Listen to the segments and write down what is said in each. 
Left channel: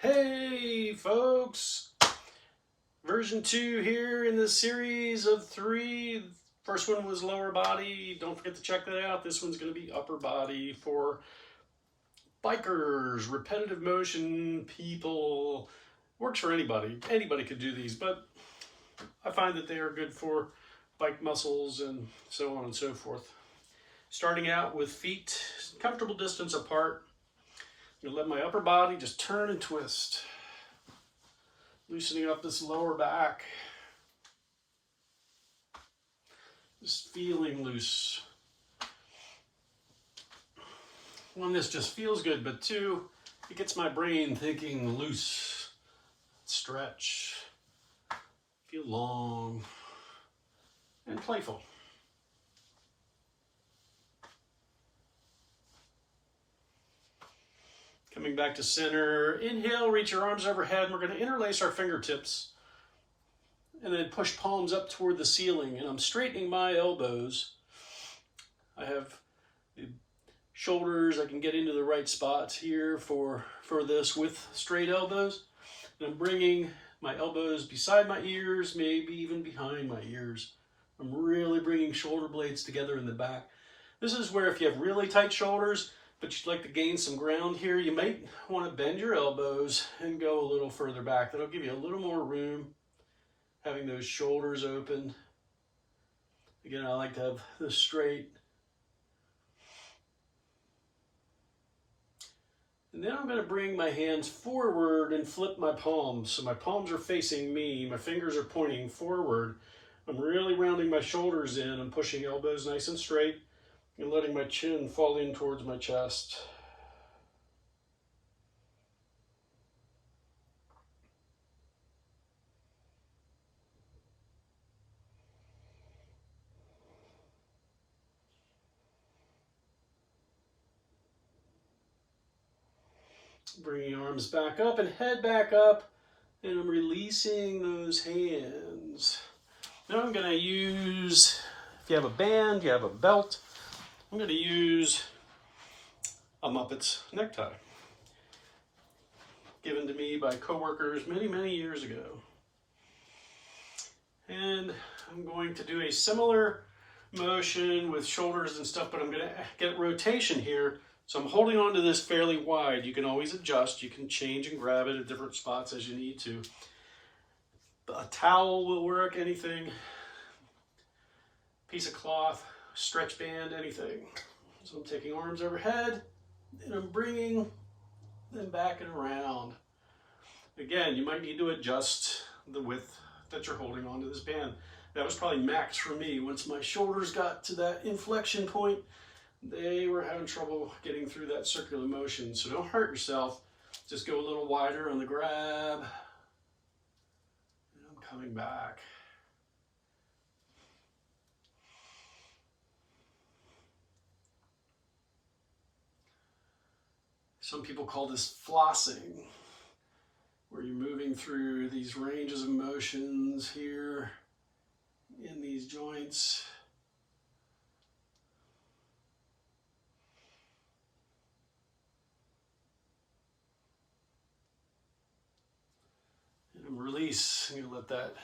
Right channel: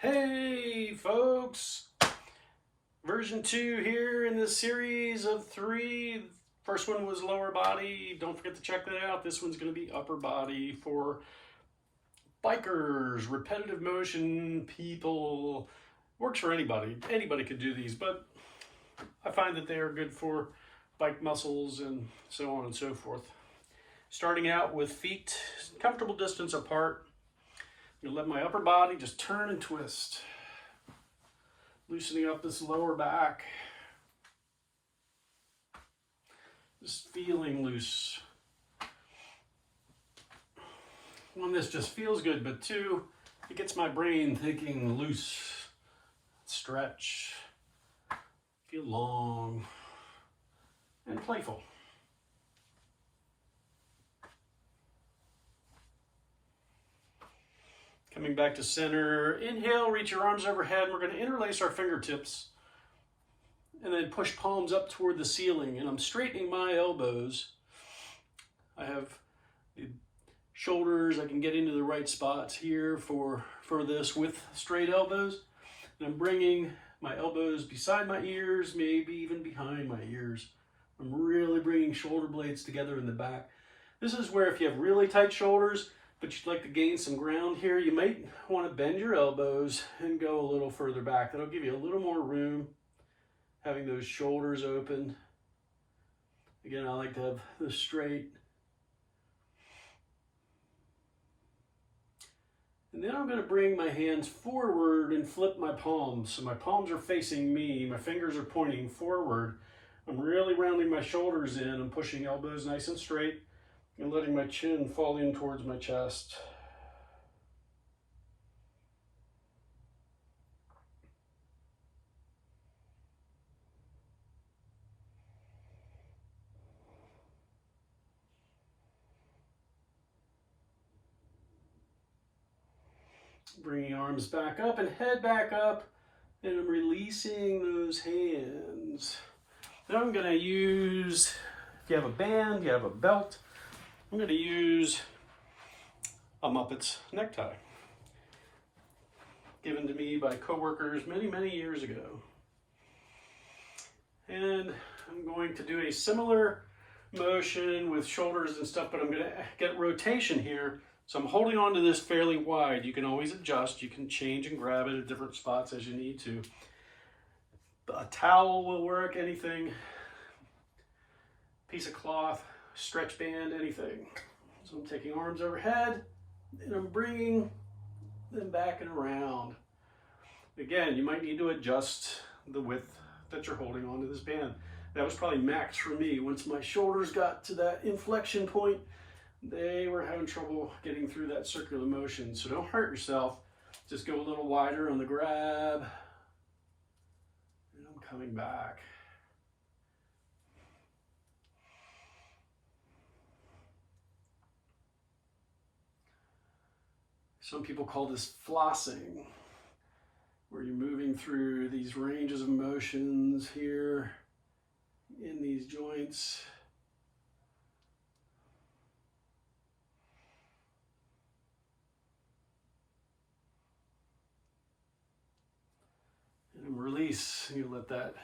Hey folks, version 2 here in this series of 3. First one was lower body. Don't forget to check that out. This one's going to be upper body for bikers, repetitive motion people. Works for anybody. Anybody could do these, but I find that they are good for bike muscles and so on and so forth. Starting out with feet comfortable distance apart. I'm going to let my upper body just turn and twist. Loosening up this lower back. Just feeling loose. One, this just feels good, but two, it gets my brain thinking loose. Stretch. Feel long and playful. Coming back to center. Inhale, reach your arms overhead. And we're going to interlace our fingertips and then push palms up toward the ceiling. And I'm straightening my elbows. I have the shoulders. I can get into the right spots here for this with straight elbows. And I'm bringing my elbows beside my ears, maybe even behind my ears. I'm really bringing shoulder blades together in the back. This is where if you have really tight shoulders, but you'd like to gain some ground here, you might want to bend your elbows and go a little further back. That'll give you a little more room, having those shoulders open. Again, I like to have this straight. And then I'm going to bring my hands forward and flip my palms. So my palms are facing me, my fingers are pointing forward. I'm really rounding my shoulders in. I'm pushing elbows nice and straight and letting my chin fall in towards my chest. Bringing arms back up and head back up, and I'm releasing those hands. Now I'm going to use, if you have a band, you have a belt, I'm going to use a Muppets necktie given to me by coworkers many years ago. And I'm going to do a similar motion with shoulders and stuff, but I'm going to get rotation here. So I'm holding on to this fairly wide. You can always adjust. You can change and grab it at different spots as you need to. A towel will work, anything. Piece of cloth, stretch band, anything. So I'm taking arms overhead and I'm bringing them back and around. Again, you might need to adjust the width that you're holding onto this band. That was probably max for me. Once my shoulders got to that inflection point, they were having trouble getting through that circular motion. So don't hurt yourself. Just go a little wider on the grab. And I'm coming back. Some people call this flossing, where you're moving through these ranges of motions here in these joints. And I'm release. I'm going to let that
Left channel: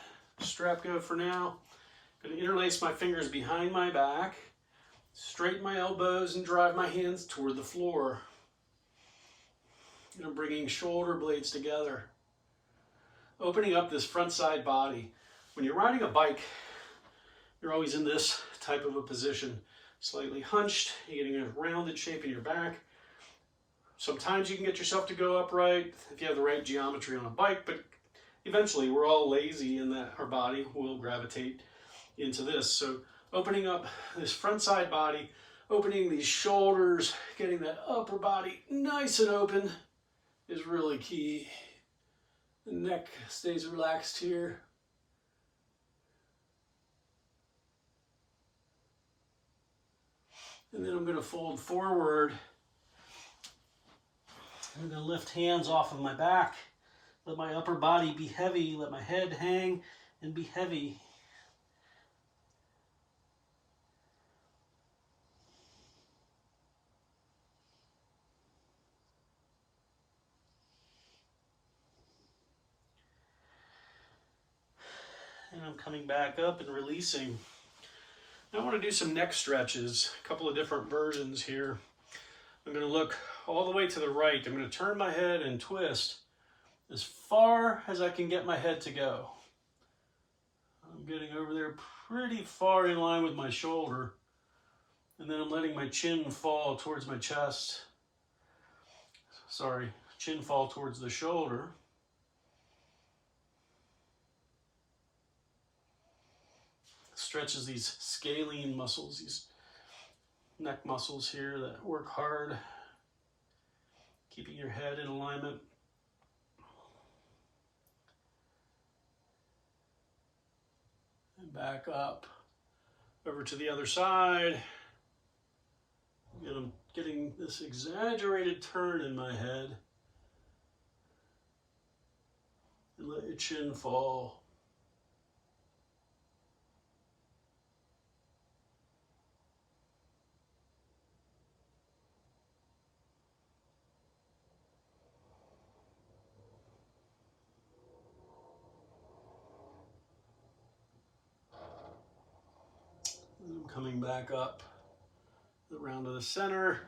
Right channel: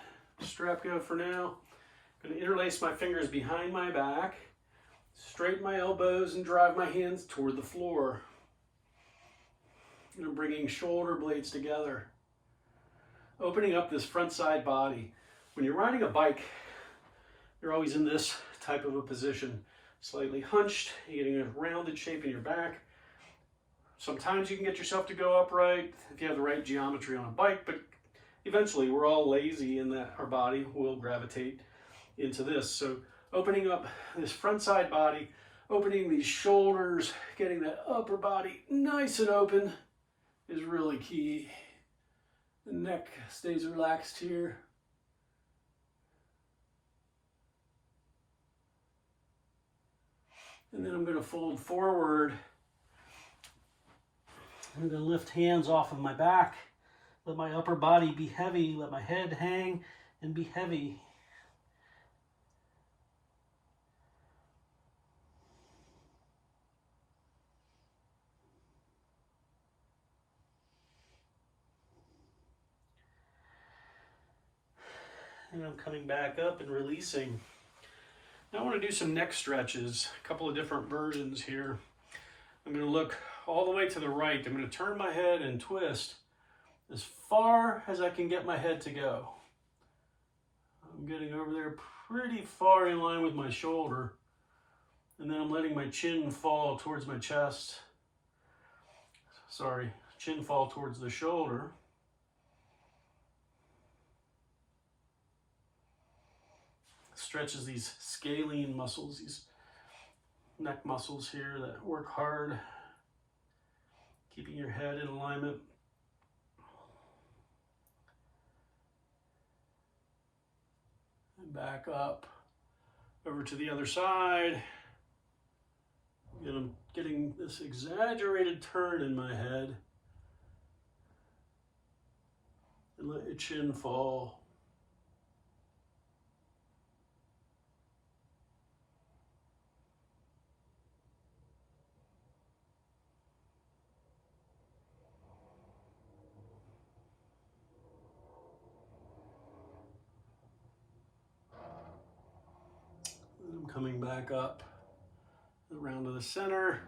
strap go for now. I'm going to interlace my fingers behind my back, straighten my elbows, and drive my hands toward the floor. And I'm bringing shoulder blades together, opening up this front side body. When you're riding a bike, you're always in this type of a position, slightly hunched, you're getting a rounded shape in your back. Sometimes you can get yourself to go upright if you have the right geometry on a bike, but eventually we're all lazy in that our body will gravitate into this. So opening up this front side body, opening these shoulders, getting that upper body nice and open is really key. The neck stays relaxed here. And then I'm going to fold forward. I'm going to lift hands off of my back. Let my upper body be heavy. Let my head hang and be heavy. and I'm coming back up and releasing. Now I want to do some neck stretches, a couple of different versions here. I'm going to look all the way to the right. I'm going to turn my head and twist as far as I can get my head to go. I'm getting over there pretty far in line with my shoulder, and then I'm letting my chin fall towards my chest. Sorry, chin fall towards the shoulder. Stretches these scalene muscles, these neck muscles here that work hard, keeping your head in alignment. And back up over to the other side. And I'm getting this exaggerated turn in my head. And let your chin fall. And I'm coming back up around to the center.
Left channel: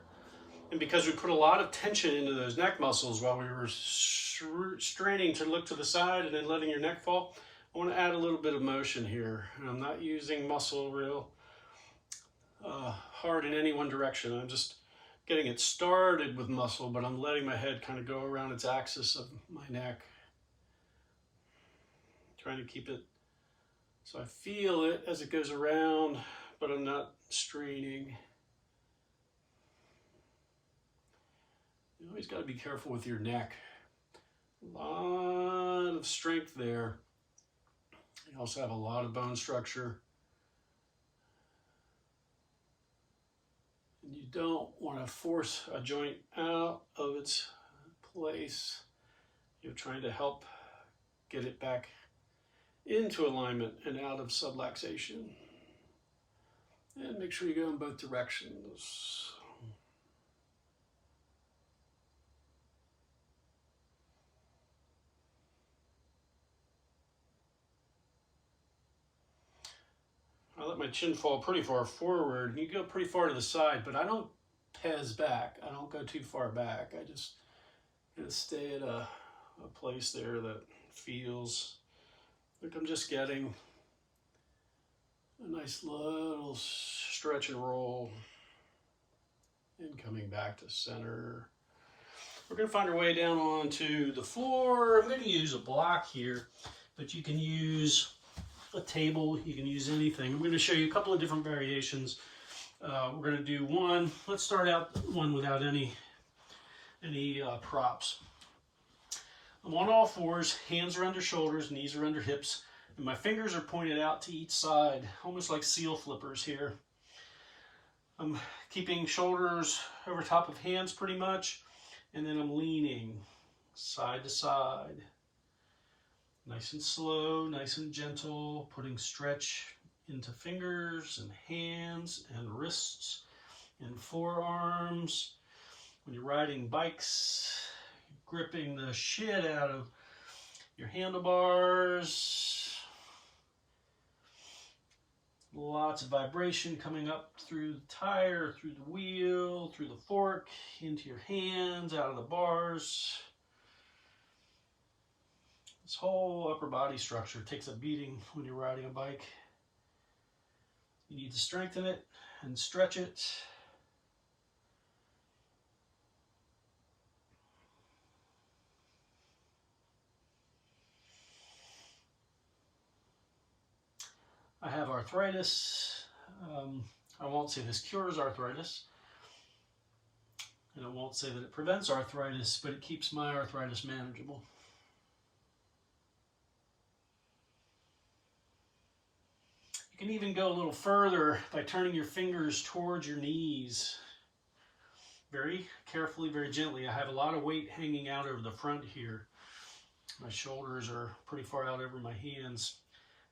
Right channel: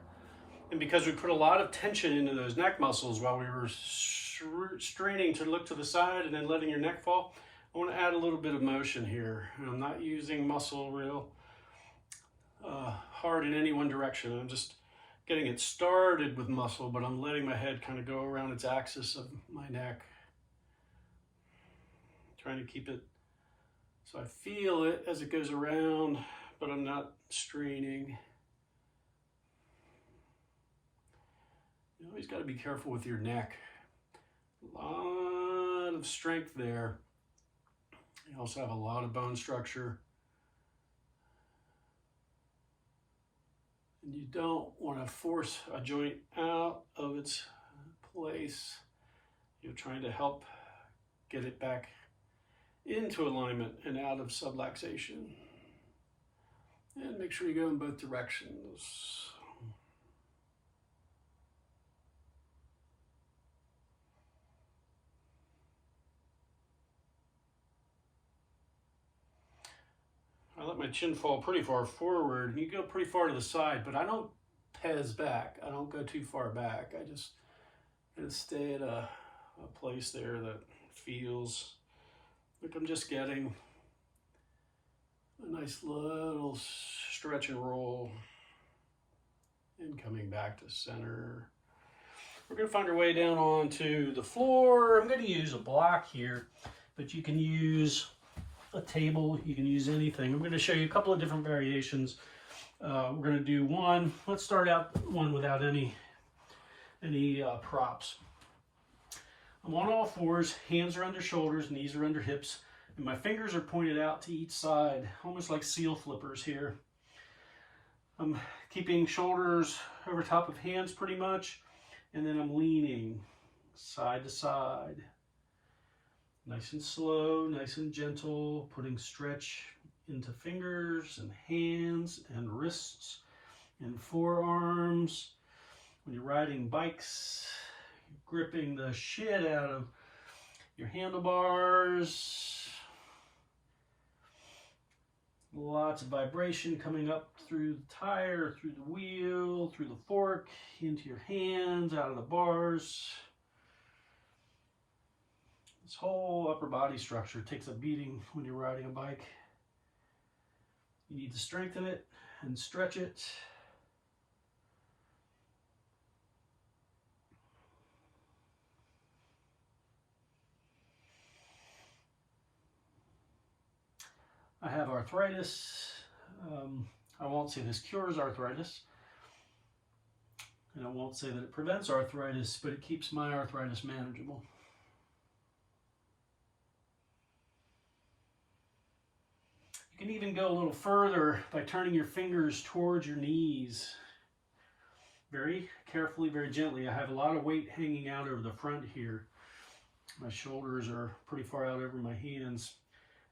And because we put a lot of tension into those neck muscles while we were straining to look to the side and then letting your neck fall, I want to add a little bit of motion here. And I'm not using muscle real hard in any one direction. I'm just getting it started with muscle, but I'm letting my head kind of go around its axis of my neck. Trying to keep it so I feel it as it goes around, but I'm not straining. You always got to be careful with your neck. A lot of strength there. You also have a lot of bone structure. And you don't want to force a joint out of its place. You're trying to help get it back into alignment and out of subluxation. And make sure you go in both directions. I let my chin fall pretty far forward, and you go pretty far to the side, but I don't pez back. I don't go too far back. I just kind of stay at a place there that feels like I'm just getting a nice little stretch and roll and coming back to center. We're going to find our way down onto the floor. I'm going to use a block here, but you can use a table, you can use anything. I'm going to show you a couple of different variations. We're going to do one. Let's start out one without any props. I'm on all fours, hands are under shoulders, knees are under hips, and my fingers are pointed out to each side, almost like seal flippers here. I'm keeping shoulders over top of hands pretty much, and then I'm leaning side to side. Nice and slow, nice and gentle, putting stretch into fingers and hands and wrists and forearms. When you're riding bikes, gripping the shit out of your handlebars. Lots of vibration coming up through the tire, through the wheel, through the fork, into your hands, out of the bars. This whole upper body structure takes a beating when you're riding a bike. You need to strengthen it and stretch it. I have arthritis. I won't say this cures arthritis. And I won't say that it prevents arthritis, but it keeps my arthritis manageable. You can even go a little further by turning your fingers towards your knees. Very carefully, very gently. I have a lot of weight hanging out over the front here. My shoulders are pretty far out over my hands.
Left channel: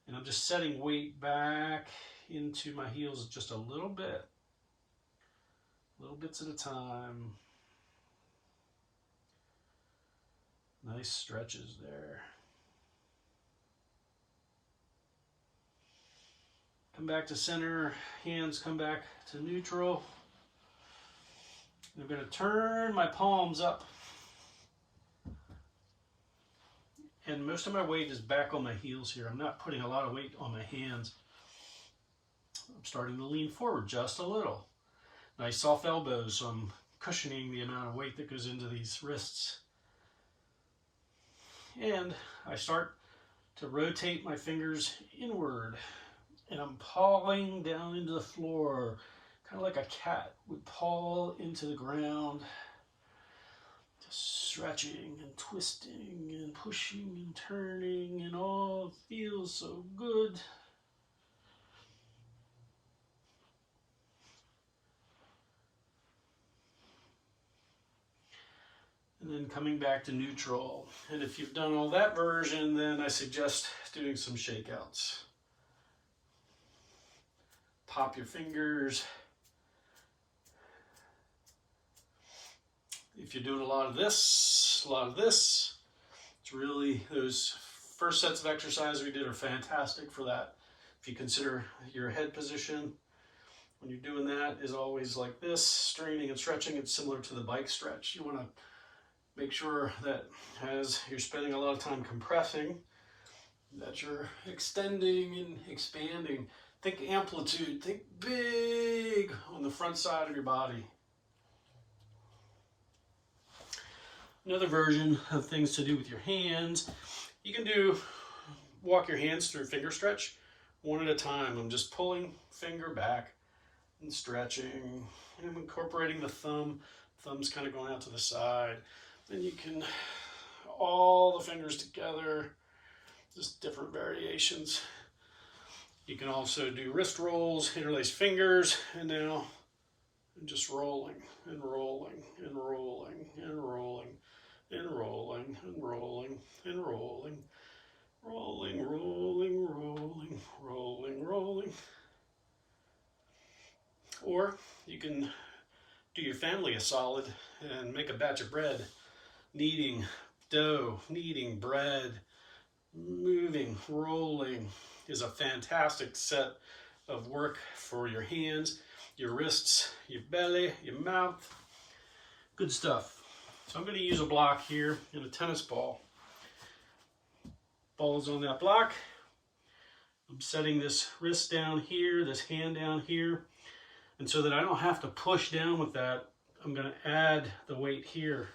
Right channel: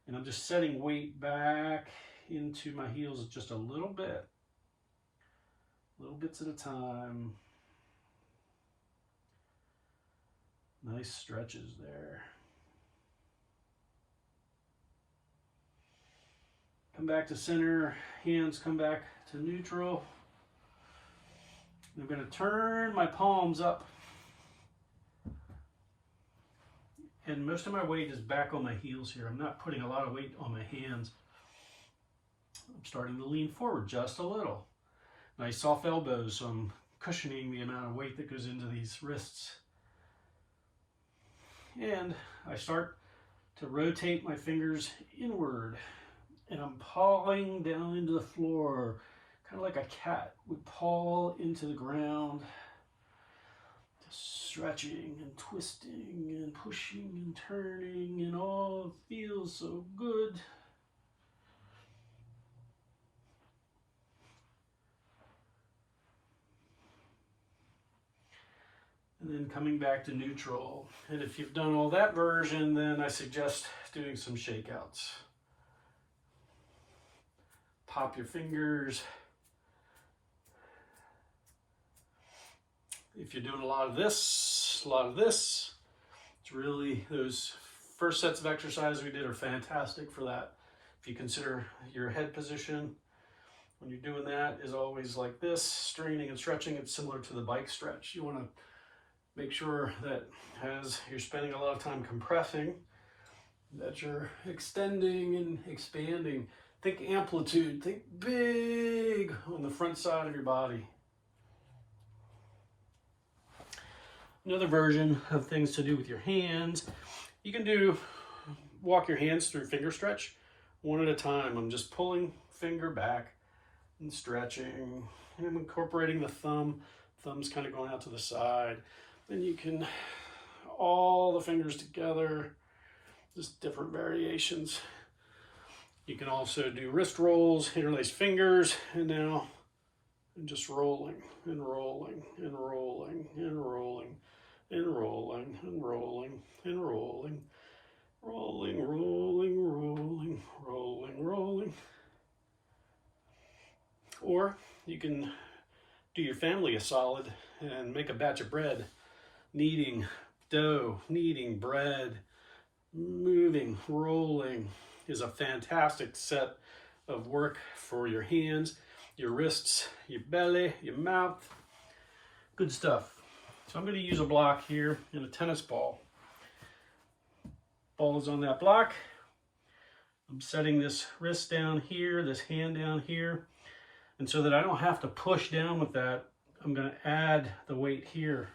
And I'm just setting weight back into my heels just a little bit. Little bits at a time. Nice stretches there. Come back to center, hands come back to neutral. I'm going to turn my palms up. And most of my weight is back on my heels here. I'm not putting a lot of weight on my hands. I'm starting to lean forward just a little. Nice soft elbows, so I'm cushioning the amount of weight that goes into these wrists. And I start to rotate my fingers inward. And I'm pawing down into the floor, kind of like a cat would paw into the ground. Stretching and twisting and pushing and turning, and all feels so good. And then coming back to neutral. And if you've done all that version, then I suggest doing some shakeouts. Pop your fingers. If you're doing a lot of this, it's really, those first sets of exercises we did are fantastic for that. If you consider your head position, when you're doing that is always like this, straining and stretching. It's similar to the bike stretch. You want to make sure that as you're spending a lot of time compressing, that you're extending and expanding. Think amplitude, think big on the front side of your body. Another version of things to do with your hands, you can walk your hands through finger stretch one at a time. I'm just pulling finger back and stretching. And I'm incorporating the thumb. Thumb's kind of going out to the side. Then you can, all the fingers together, just different variations. You can also do wrist rolls, interlace fingers, and now I'm just rolling and rolling and rolling and rolling and rolling and rolling and rolling, rolling, rolling, rolling, rolling, rolling. Or you can do your family a solid and make a batch of bread, kneading dough, kneading bread, moving, rolling is a fantastic set of work for your hands, your wrists, your belly, your mouth. Good stuff. So I'm going to use a block here and a tennis ball. Ball is on that block. I'm setting this wrist down here, this hand down here. And so that I don't have to push down with that, I'm going to add the weight here.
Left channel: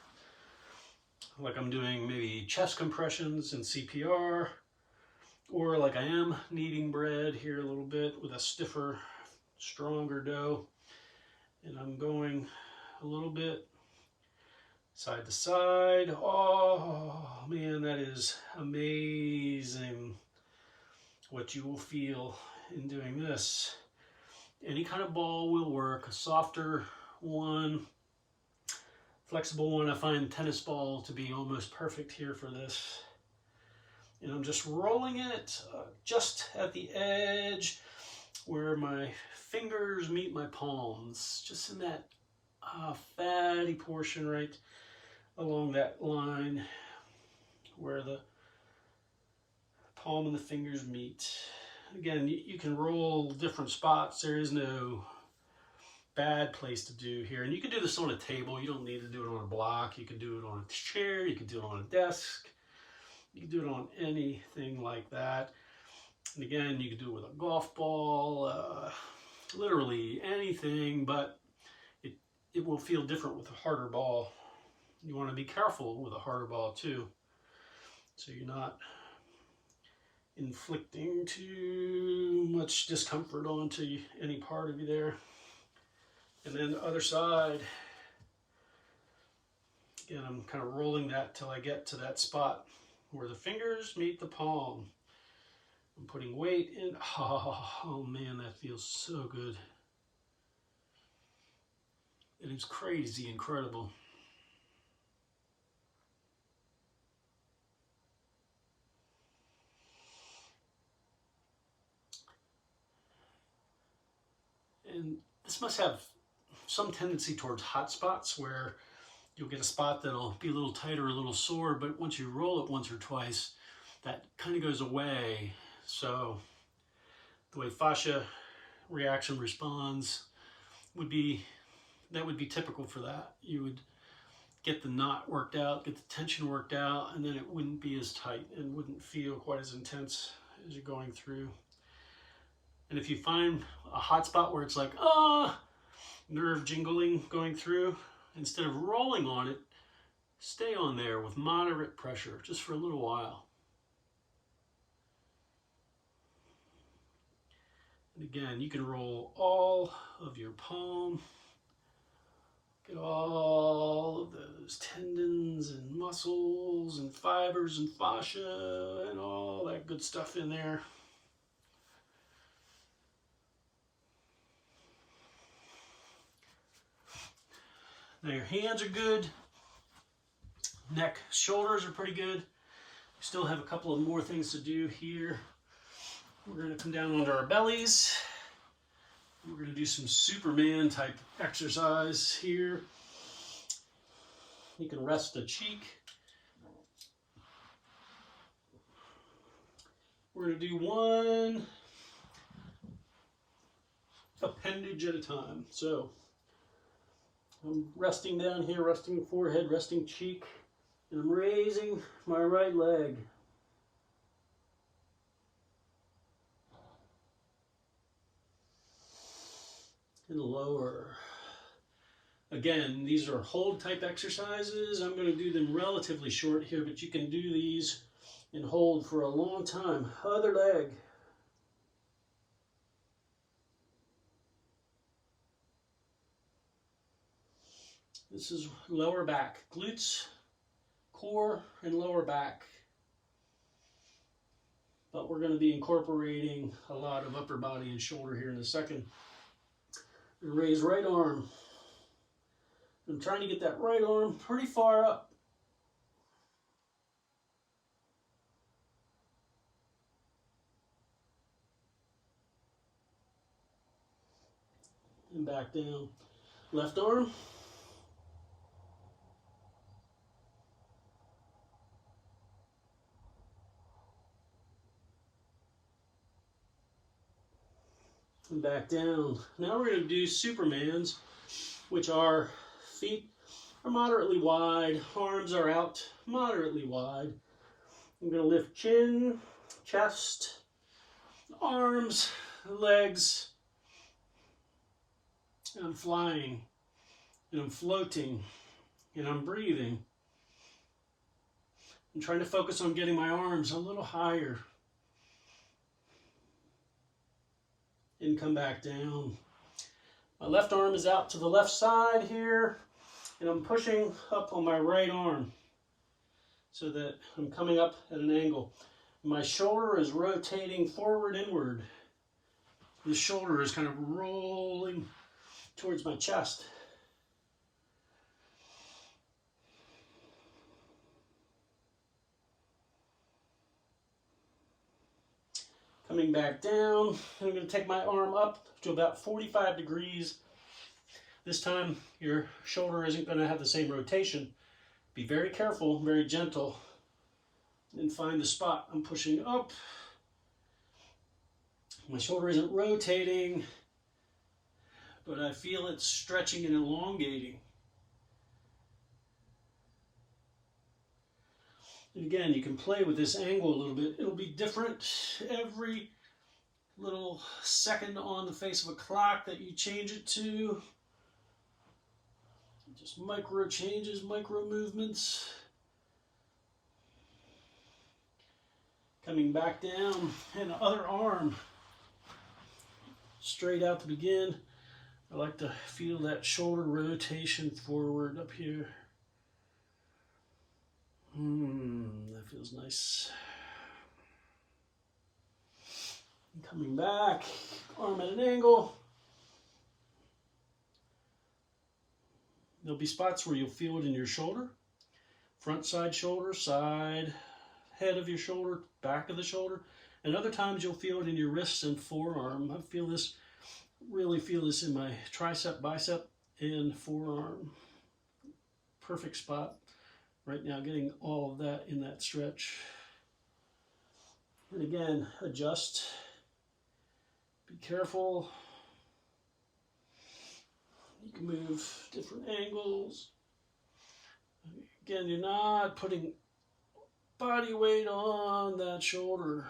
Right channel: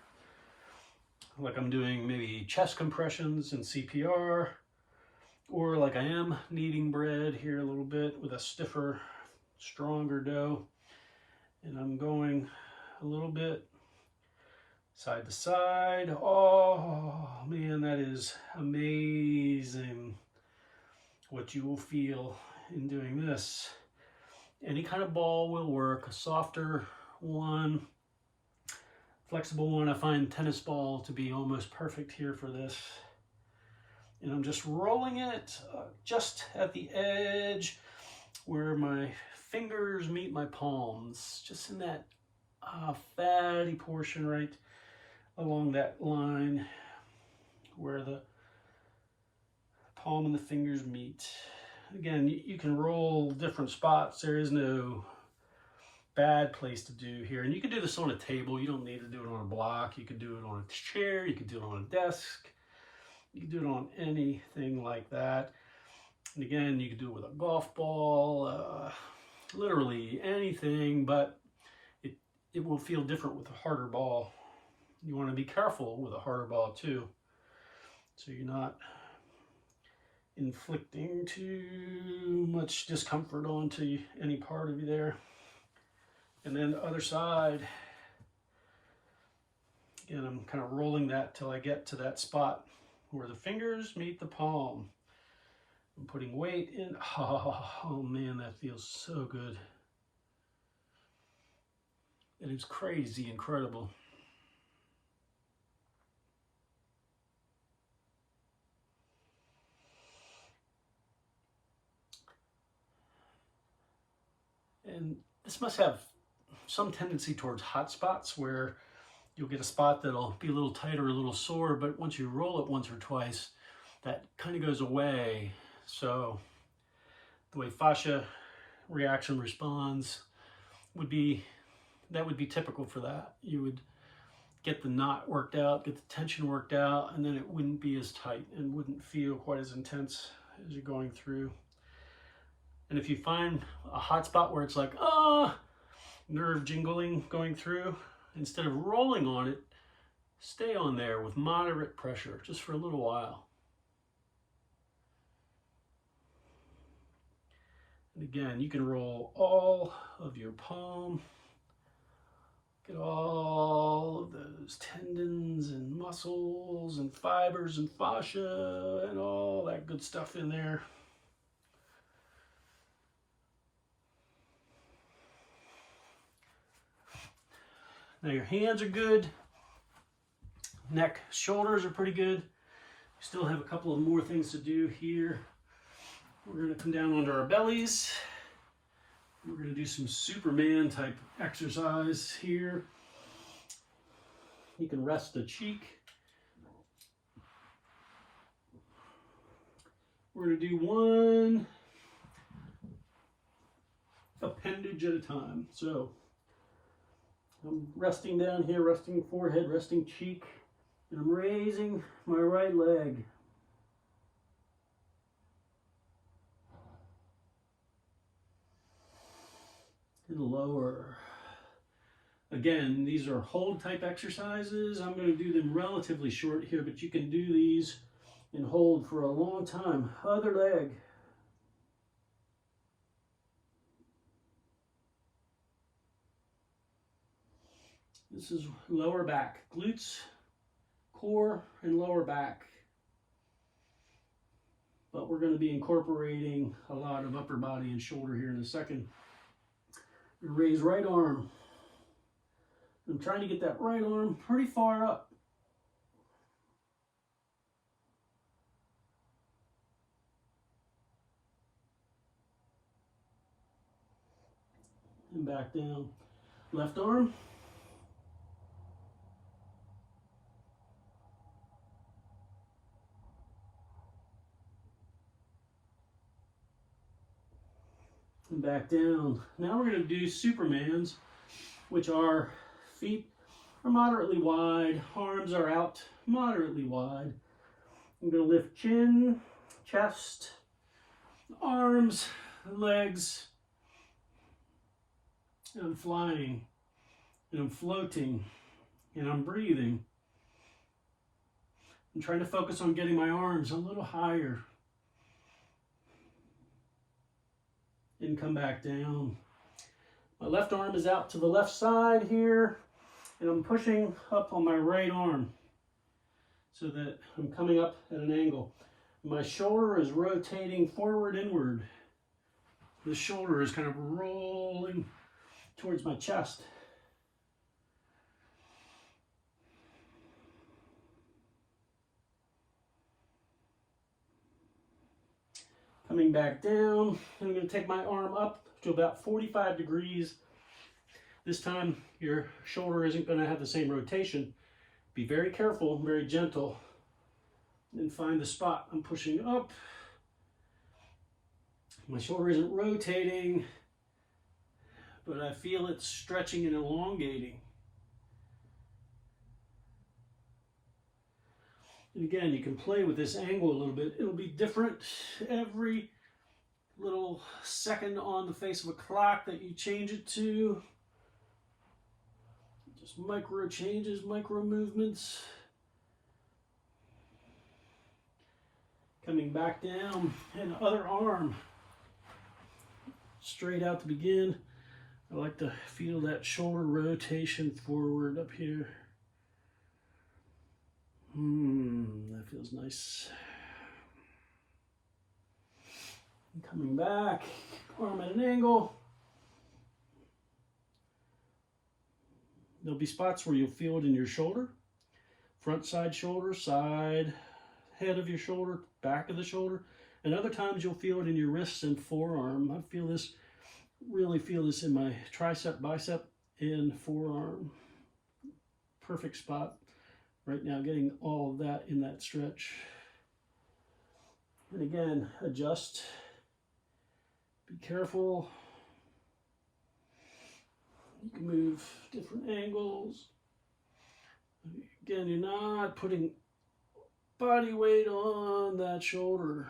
Like I'm doing maybe chest compressions and CPR, or like I am kneading bread here a little bit with a stiffer, stronger dough. And I'm going a little bit side to side. Oh man, that is amazing what you will feel in doing this. Any kind of ball will work, a softer one, flexible one. I find tennis ball to be almost perfect here for this. And I'm just rolling it just at the edge where my fingers meet my palms, just in that fatty portion right along that line where the palm and the fingers meet. Again, you can roll different spots. There is no bad place to do here. And you can do this on a table. You don't need to do it on a block. You can do it on a chair. You can do it on a desk. You can do it on anything like that. And again, you can do it with a golf ball, literally anything, but it will feel different with a harder ball. You want to be careful with a harder ball too, so you're not inflicting too much discomfort onto any part of you there. And then the other side, again, I'm kind of rolling that till I get to that spot where the fingers meet the palm. I'm putting weight in. Oh man, that feels so good. It is crazy incredible. And this must have some tendency towards hot spots where you'll get a spot that'll be a little tight or a little sore, but once you roll it once or twice, that kind of goes away. So the way fascia reaction responds would be, that would be typical for that. You would get the knot worked out, get the tension worked out, and then it wouldn't be as tight and wouldn't feel quite as intense as you're going through. And if you find a hot spot where it's like, nerve jingling going through, instead of rolling on it, stay on there with moderate pressure just for a little while. And again, you can roll all of your palm. Get all of those tendons and muscles and fibers and fascia and all that good stuff in there. Now your hands are good. Neck, shoulders are pretty good. We still have a couple of more things to do here. We're going to come down onto our bellies. We're going to do some Superman type exercise here. You can rest the cheek. We're going to do one appendage at a time. So I'm resting down here, resting forehead, resting cheek, and I'm raising my right leg. And lower. Again, these are hold type exercises. I'm going to do them relatively short here, but you can do these and hold for a long time. Other leg. This is lower back, glutes, core, and lower back. But we're going to be incorporating a lot of upper body and shoulder here in a second. Raise right arm. I'm trying to get that right arm pretty far up. And back down. Left arm. And back down. Now we're going to do Supermans, which are feet are moderately wide, arms are out moderately wide. I'm going to lift chin, chest, arms, legs, and I'm flying, and I'm floating, and I'm breathing. I'm trying to focus on getting my arms a little higher. And come back down. My left arm is out to the left side here, and I'm pushing up on my right arm so that I'm coming up at an angle. My shoulder is rotating forward inward. The shoulder is kind of rolling towards my chest. Coming back down, I'm going to take my arm up to about 45 degrees. This time, your shoulder isn't going to have the same rotation. Be very careful, very gentle, and find the spot. I'm pushing up. My shoulder isn't rotating, but I feel it stretching and elongating. And again, you can play with this angle a little bit. It'll be different every little second on the face of a clock that you change it to. Just micro changes, micro movements. Coming back down, and other arm straight out to begin. I like to feel that shoulder rotation forward up here. That feels nice. And coming back, arm at an angle. There'll be spots where you'll feel it in your shoulder, front side shoulder, side, head of your shoulder, back of the shoulder, and other times you'll feel it in your wrists and forearm. I feel this, really feel this in my tricep, bicep, and forearm. Perfect spot right now, getting all of that in that stretch. And again, adjust Be careful. You can move different angles. Again, you're not putting body weight on that shoulder.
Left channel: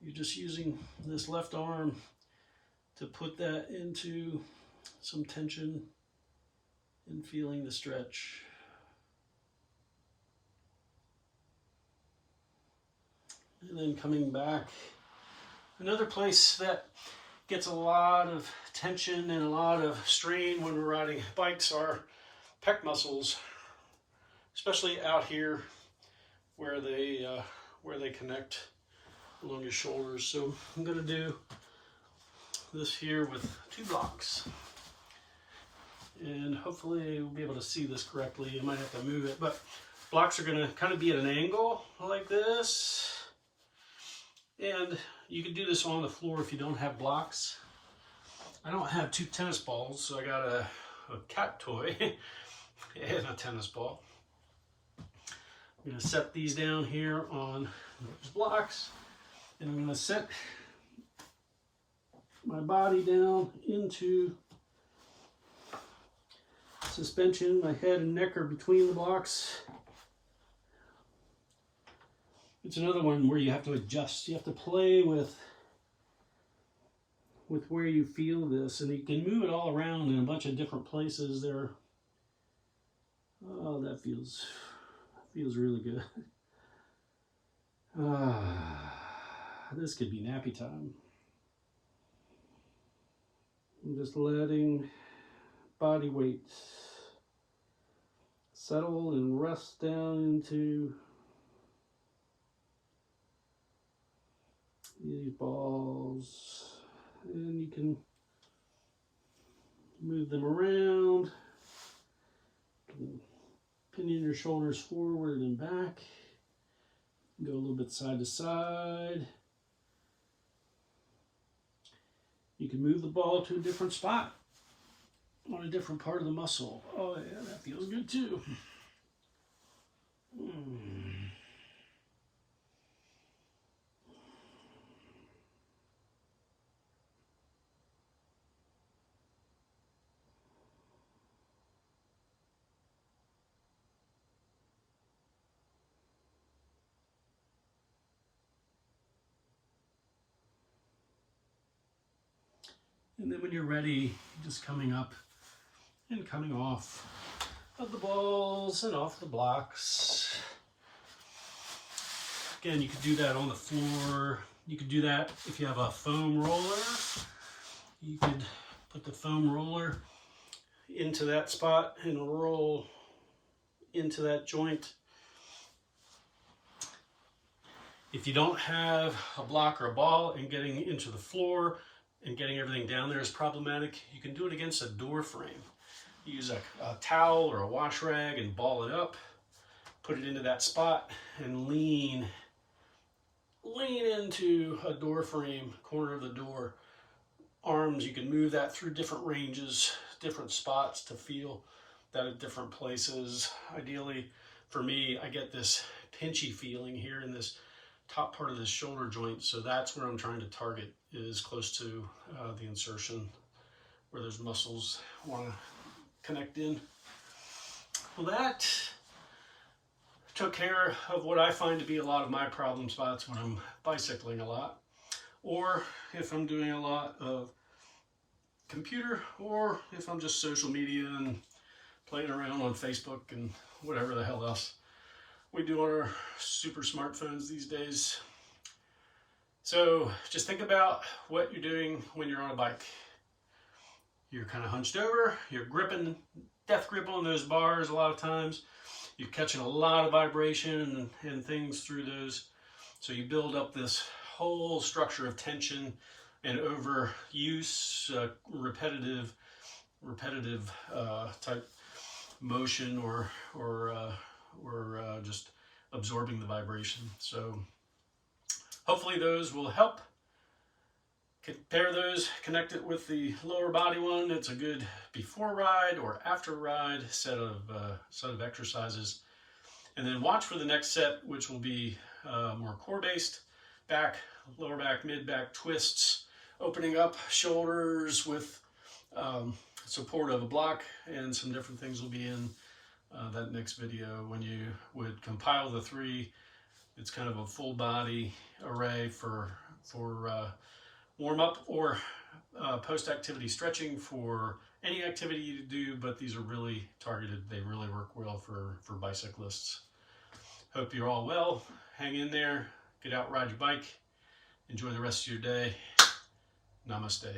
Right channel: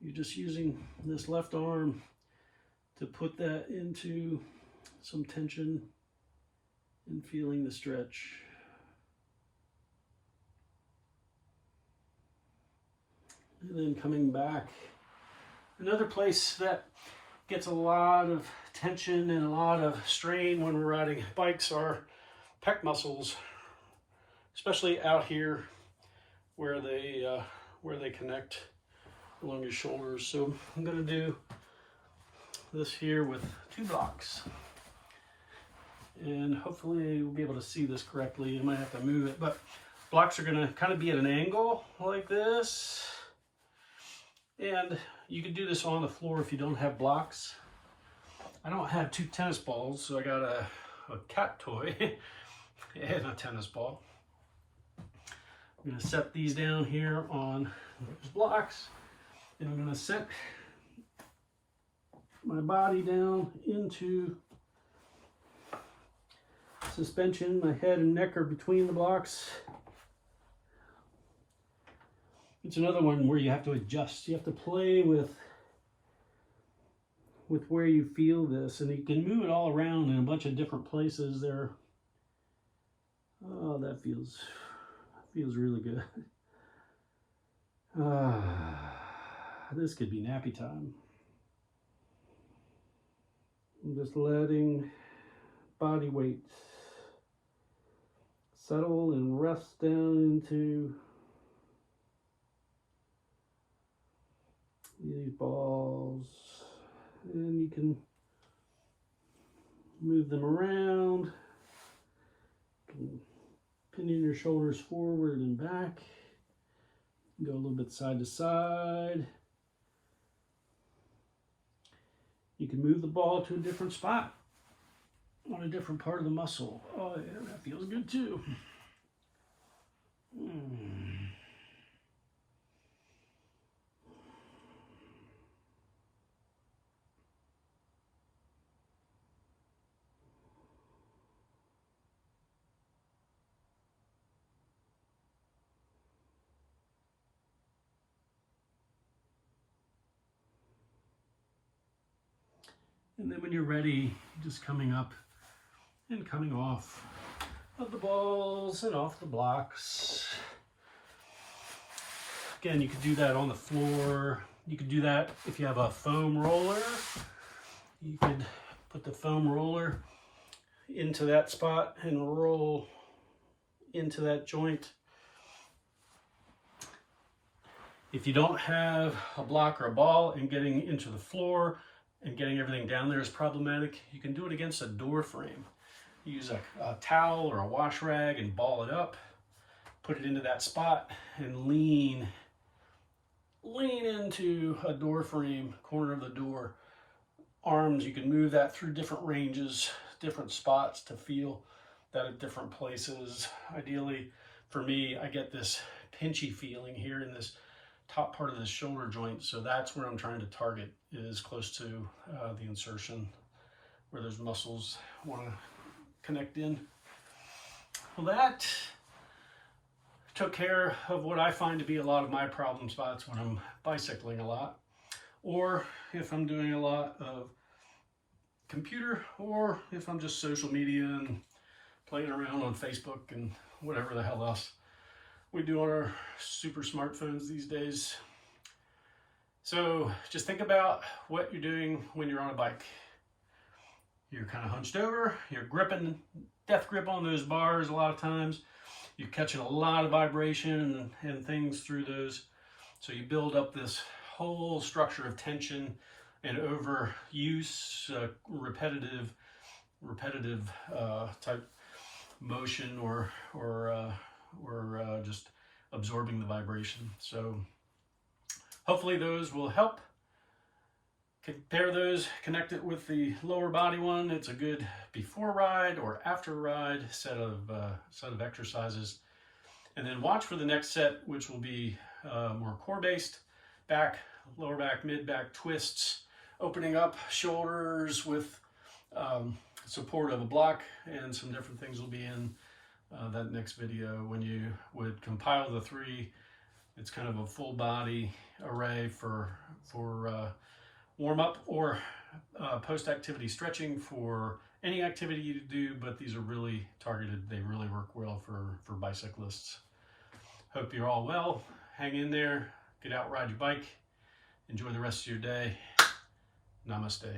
You're just using this left arm to put that into some tension and feeling the stretch. And then coming back. Another place that gets a lot of tension and a lot of strain when we're riding bikes are pec muscles, especially out here where they connect along your shoulders. So I'm going to do this here with 2 blocks, and hopefully we'll be able to see this correctly. I might have to move it, but blocks are going to kind of be at an angle like this, and you can do this on the floor if you don't have blocks. I don't have 2 tennis balls, so I got a cat toy and a tennis ball. I'm going to set these down here on those blocks, and I'm going to set my body down into suspension. My head and neck are between the blocks. It's another one where you have to adjust. You have to play with where you feel this, and you can move it all around in a bunch of different places there. Oh, that feels really good. This could be nappy time. I'm just letting body weight settle and rest down into these balls, and you can move them around. You can pinion your shoulders forward and back. Go a little bit side to side. You can move the ball to a different spot on a different part of the muscle. Oh yeah, that feels good too. And then when you're ready, just coming up and coming off of the balls and off the blocks. Again, you could do that on the floor. You could do that if you have a foam roller. You could put the foam roller into that spot and roll into that joint. If you don't have a block or a ball and getting into the floor and getting everything down there is problematic, you can do it against a door frame. Use a towel or a wash rag and ball it up, put it into that spot, and lean into a door frame, corner of the door. Arms, you can move that through different ranges, different spots to feel that at different places. Ideally, for me, I get this pinchy feeling here in this top part of this shoulder joint, so that's where I'm trying to target, is close to the insertion where those muscles want to connect in. Well, that took care of what I find to be a lot of my problem spots when I'm bicycling a lot, or if I'm doing a lot of computer, or if I'm just social media and playing around on Facebook and whatever the hell else we do on our super smartphones these days. So just think about what you're doing when you're on a bike. You're kind of hunched over, you're gripping, death grip on those bars a lot of times. You're catching a lot of vibration and things through those. So you build up this whole structure of tension and overuse, repetitive type motion or just absorbing the vibration. So hopefully those will help. Compare those, connect it with the lower body one. It's a good before ride or after ride set of exercises. And then watch for the next set, which will be more core based, back, lower back, mid back twists opening up shoulders with support of a block, and some different things will be in that next video. When you would compile the 3, it's kind of a full body array for warm up or post-activity stretching for any activity you do, but these are really targeted. They really work well for bicyclists. Hope you're all well. Hang in there, get out, ride your bike, enjoy the rest of your day. Namaste.